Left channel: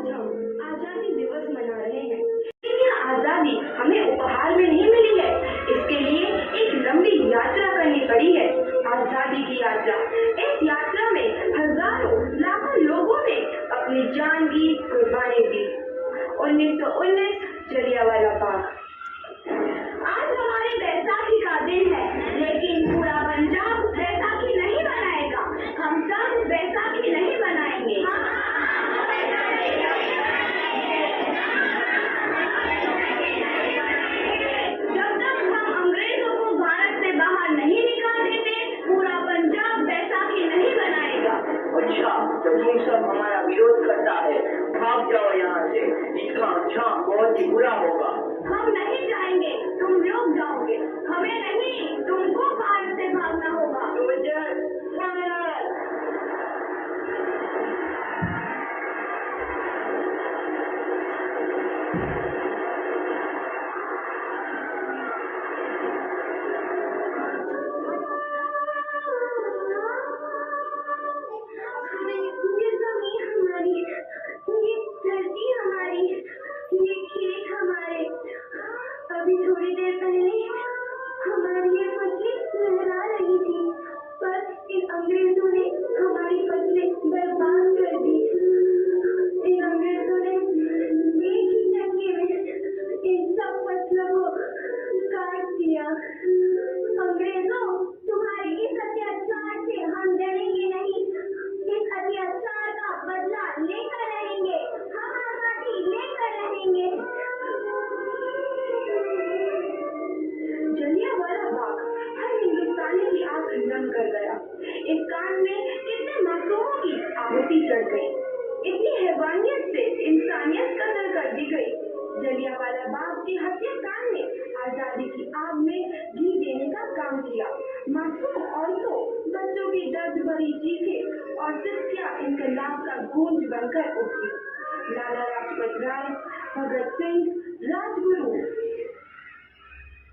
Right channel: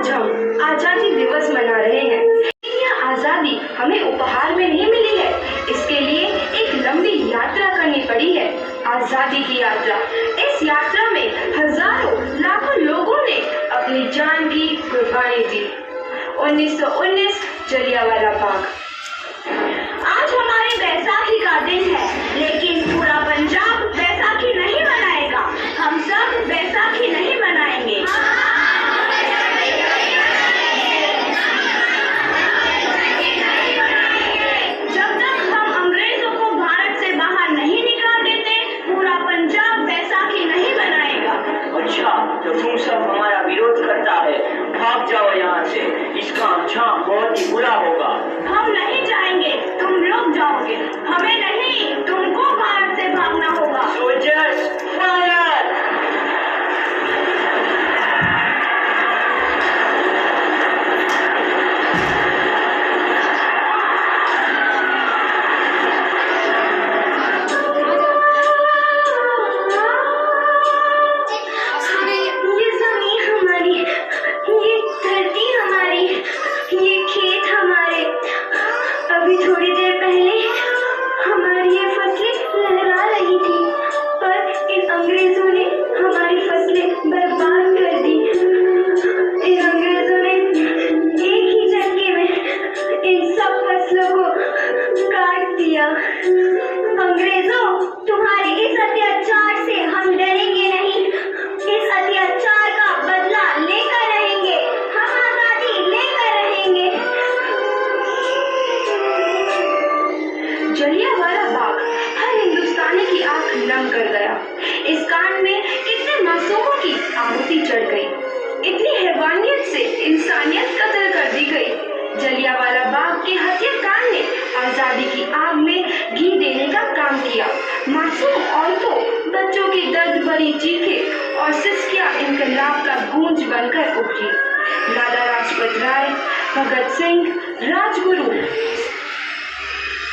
आज हम आजादी दिवस मना रहे हैं। यह आजादी हमें उपहार में नहीं मिली है, इसके लिए एक लंबी यात्रा करनी पड़ी है, आजादी की यात्रा। इस यात्रा में हजारों लाखों लोगों ने अपनी जान की कुर्बानी दी। 1919 जलियांवाला बाग। आज हमारे बैसाखी का दिन है, लेकिन पूरा पंजाब बैसाखी नहीं मनाएगा। हम सब बैसाखी नहीं मनाएंगे। जब तक हम अंग्रेजों को भारत से बाहर नहीं निकाल देते, पूरा पंजाब बैसाखी नहीं मनाएगा। अच्छा, तो तुम सब हमारा विरोध करता है, भाग जाओ यहाँ से। इसका अंजाम बहुत ही बुरा होगा। हम नहीं जाएंगे, तुम लोग जाओगे। हमें नहीं, तुमको भारत से भागना होगा। Soldiers fire! ये जमीन हमारी, ये धरती हमारी, ये खेत हमारे। अभी थोड़ी देर पहले हमारी ये फसलें लहरा रही थी, पर इन अंग्रेजों ने हमारी फसलें बर्बाद कर दी। इन अंग्रेजों ने एक ही झटके में इन सब फसलों को काट दिया। अंग्रेजों, तुम्हारे इस अत्याचार से हम डरेंगे नहीं। इस अत्याचार का बदला लेकर रहेंगे। हम आजादी लेकर रहेंगे। जलियांवाला बाग हर हिंदुस्तानी की आंख नम कर गया। इस कांड में कितने मासूमों की आहुति चढ़ गई, इतनी हैवानियत से इंसानियत कत्ल कर दी गई। जलियांवाला बाग के हत्याकांड ने आजादी की आग में घी देने का काम किया। मासूम औरतों, बच्चों की दर्द भरी चीखें और सिसकियां इनकलाब का गूंज बनकर उठी। लाला लाजपत राय, भगत सिंह, राजगुरु,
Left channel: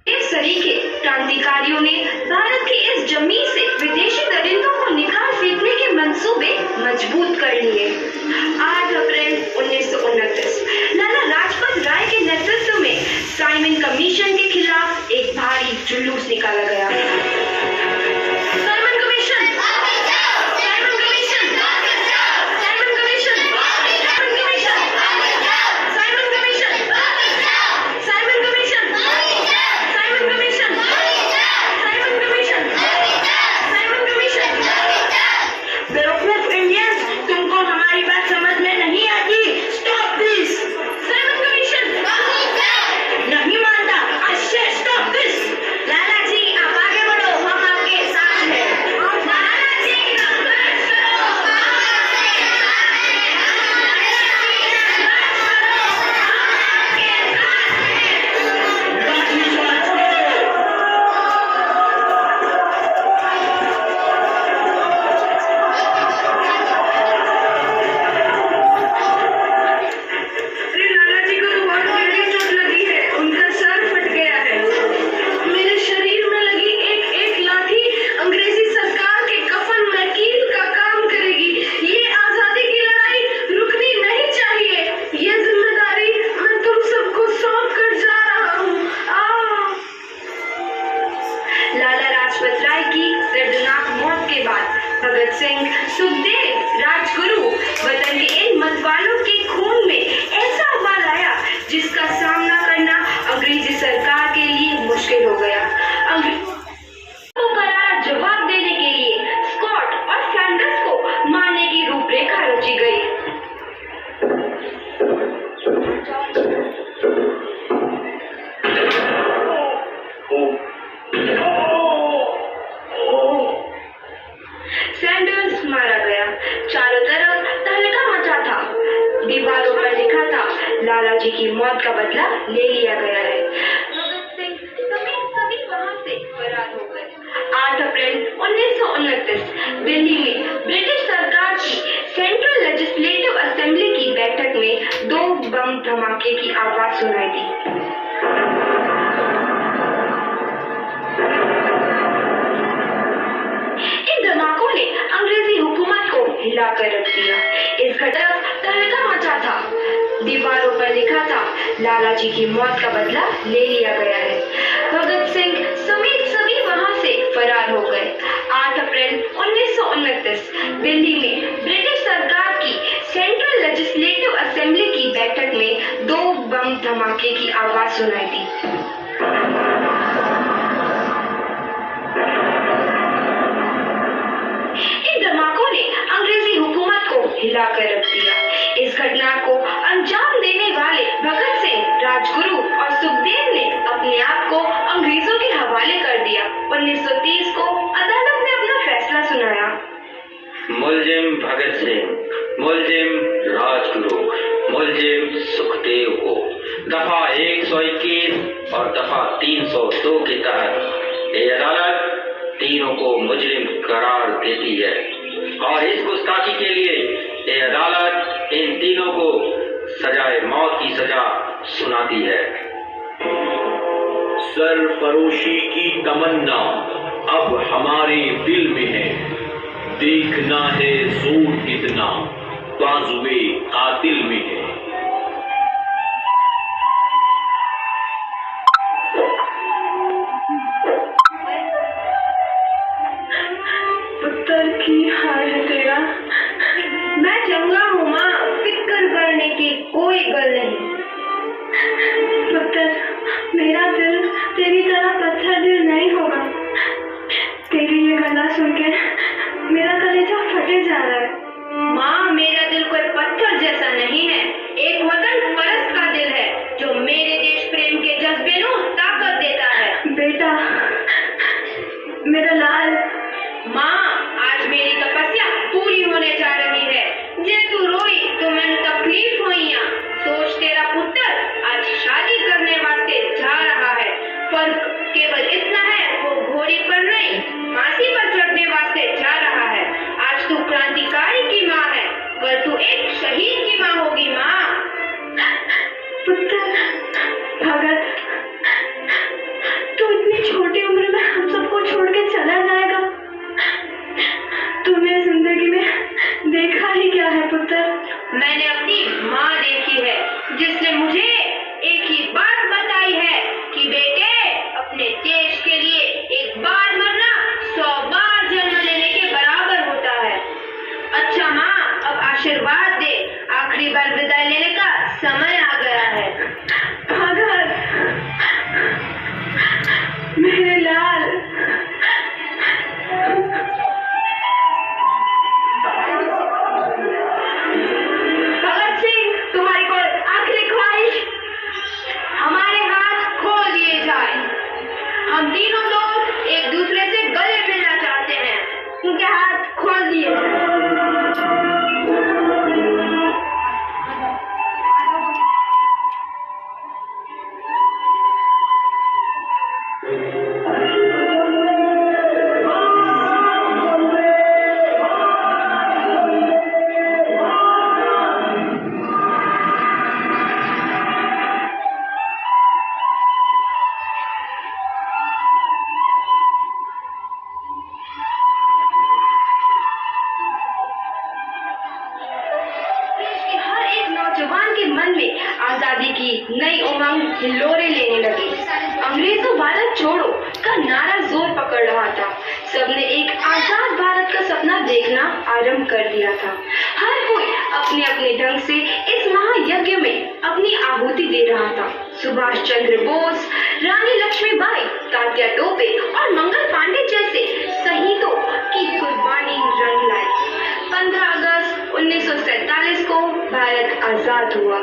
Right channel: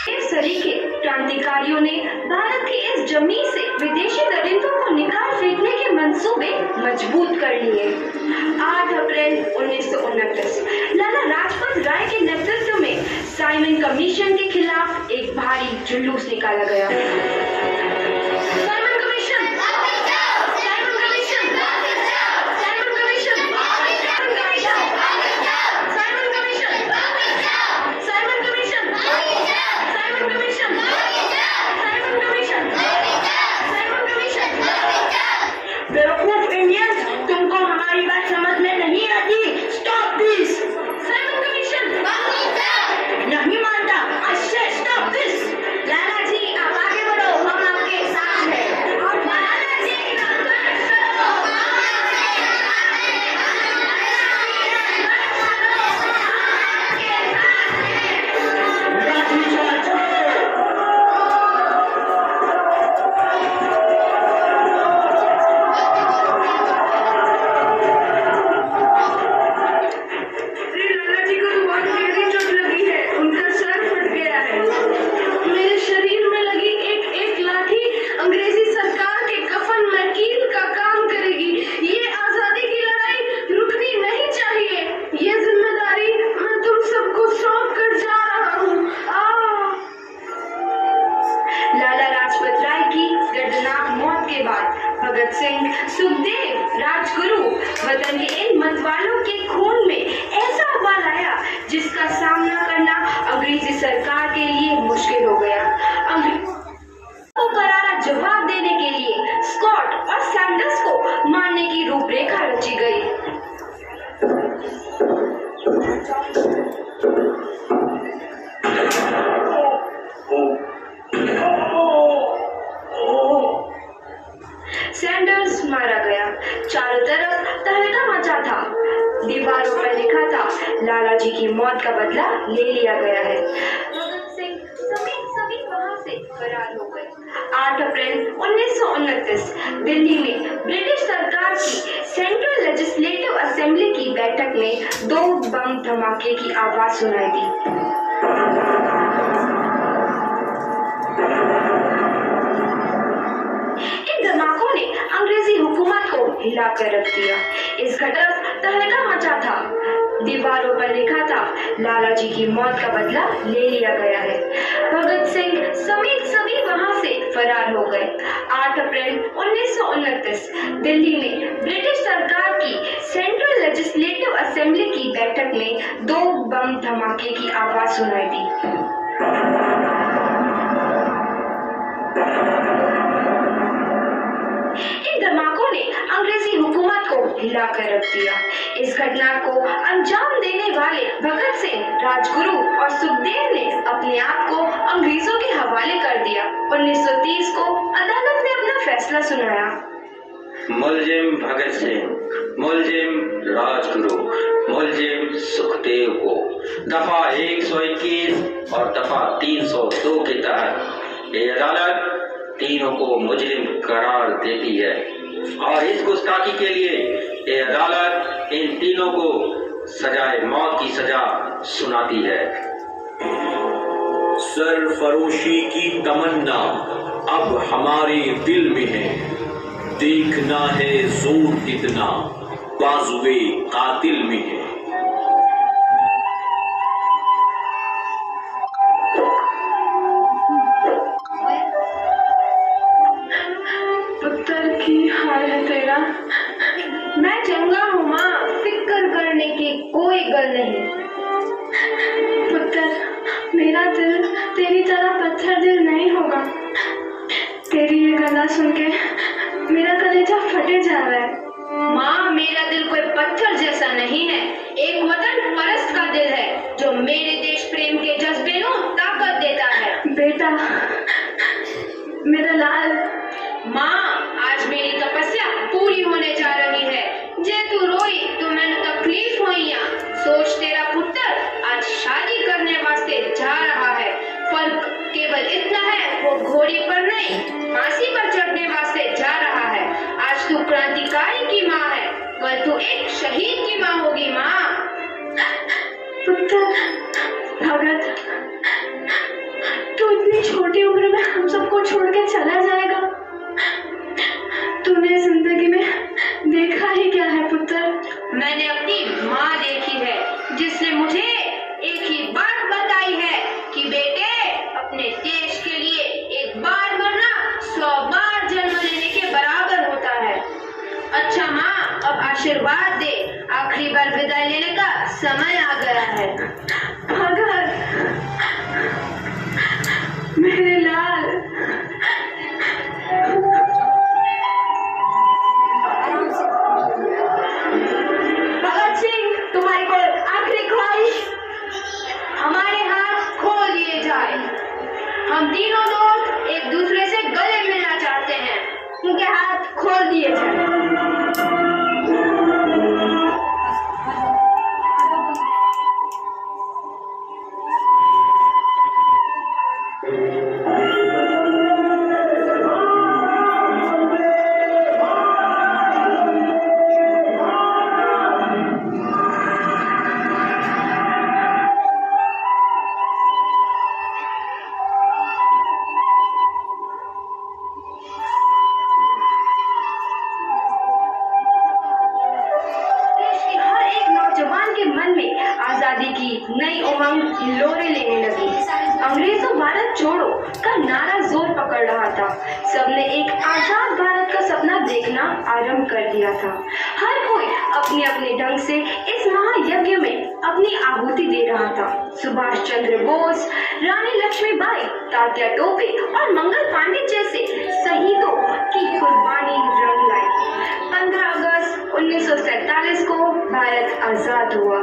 इस सरीखे क्रांतिकारियों ने भारत की इस जमीन से विदेशी दरिंदों को निकाल फेंकने के मंसूबे मजबूत कर लिए। 8 अप्रैल 1929 लाला लाजपत राय के नेतृत्व में साइमन कमीशन के खिलाफ एक भारी जुलूस निकाला गया। बेवकूफ इंडियंस, तुमको हमारी बात समझ में नहीं आती। Stop this! साइमन कमीशन नहीं मानता। आई से स्टॉप दिस! लाला जी, आप आगे बढ़ो, हम आपके साथ हैं। लाला जी, बस करो, लाठी चार्ज करो! लाला जी को तो बहुत गहरी चोट लगी है, उनका सर फट गया है। मेरे शरीर में लगी एक एक लाठी अंग्रेजी सरकार के कफन में कील का काम करेगी। ये आजादी की लड़ाई रुकनी नहीं चाहिए। ये जिम्मेदारी मैं तुम सबको सौंप कर जा रहा हूँ। लाला लाजपत राय की दर्दनाक मौत के बाद भगत सिंह, सुखदेव, राजगुरु, वतन के इन मतवालों के खून में ऐसा उबाल आया जिसका सामना करना अंग्रेजी सरकार के लिए मुश्किल हो गया। को करारा जवाब देने के लिए स्कॉट और सैंडर्स को मारने की रूपरेखा रची गई। सैंडर्स मारा गया। चारों तरफ तहलका मचा था। दीवारों पर लिखा था, लाला जी की मौत का बदला ले लिया गया है। भगत सिंह समेत सभी वहां से फरार हो गए। 8 अप्रैल 1929 दिल्ली में ब्रिटिश सरकार की सेंट्रल लेजिस्लेटिव असेंबली की बैठक में 2 बम धमाके की आवाज सुनाई दी। इन हिला कर रख दिया। इस घटना तहलका मचा था। दीवारों पर लिखा था, लाला जी की मौत का बदला ले लिया गया है। भगत सिंह समेत सभी वहां से फरार हो गए। 8 अप्रैल 1929 दिल्ली में ब्रिटिश सरकार की सेंट्रल लेजिस्लेटिव असेंबली की बैठक में 2 बम धमाके की आवाज सुनाई दी। इन धमाकों ने अंग्रेजी हुकूमत को हिलाकर रख दिया। इस घटना को अंजाम देने वाले भगत सिंह, राजगुरु और सुखदेव ने अपने आप को अंग्रेजों के हवाले कर दिया। 1930 को अदालत ने अपना फैसला सुनाया। मुलजिम भगत सिंह, मुलजिम राजगुरु, मुलजिम सुखदेव को दफा 121 और दफा 302 के तहत ये अदालत तीनों को मुजरिम करार देती है और इस गुस्ताखी के लिए ये अदालत इन तीनों को सजाए मौत की सजा सुनाती है। सरफरोशी की तमन्ना अब हमारे दिल में है, देखना है जोर कितना बाजुए कातिल में है। पुत्र की हाल है तेरा। मैं चंगा हूँ माँ, फिक्र करने की कोई गल नहीं। पुत्र, मेरा दिल तेरी तरह पत्थर दिल नहीं होगा। तेरी ये गला सुन के मेरा कलेजा फटे जा रहा है। माँ, मेरा दिल कोई पत्थर जैसा नहीं है, एक वतन परस्त का दिल है जो मेरे देश प्रेम के जज्बे को ताकत देता है। बेटा, मेरा लाल। माँ, आज मेरी तपस्या पूरी होने जा रही है। जे तू रोई तो मैंने तकलीफ हुई। सोच, तेरा पुत्र आज शादी करने वास्ते जा रहा है। फर्क केवल इतना है, वो घोड़ी पर नहीं फांसी पर चढ़ने वास्ते जा रहा है। आज तू क्रांतिकारी की माँ है, कल तू एक शहीद की माँ होगी। माँ। पुत्र भगत, तू इतनी छोटी उम्र में हम सबको छोड़ के चला जाएगा। तूने जिंदगी में देखा ही क्या है पुत्र? मैंने अपनी माँ देखी है, जिसने मुझे एक ही बात बताई है कि बेटे, अपने देश के लिए एक बार मरना 100 बार जन्म लेने के बराबर होता है। अच्छा माँ, अब आशीर्वाद दे, आखिरी बार विदाई लेने का समय आ गया है। भगत, मेरे लाल। भगत सिंह, तुम्हारी कोई आखिरी ख्वाहिश? हमारे हाथ खोल दिए जाए। हम तीनों दोस्त एक दूसरे से गले मिलना चाहते हैं, उनके हाथ खोल दिए जाए। नई उमंग हिलोरे लेने लगी। अंग्रेजों भारत छोड़ो का नारा जोर पकड़ रहा था। सबने एक आजाद भारत का सपना देखना आरंभ कर दिया था। हर कोई अपने अपने ढंग से इस महायज्ञ में अपनी आहुति दे रहा था। सुभाष चंद्र बोस, रानी लक्ष्मीबाई, तात्या टोपे और मंगल पांडे जैसे शहीदों की कुर्बानी रंग लाई। 15 अगस्त 1947 को भारत आजाद हुआ।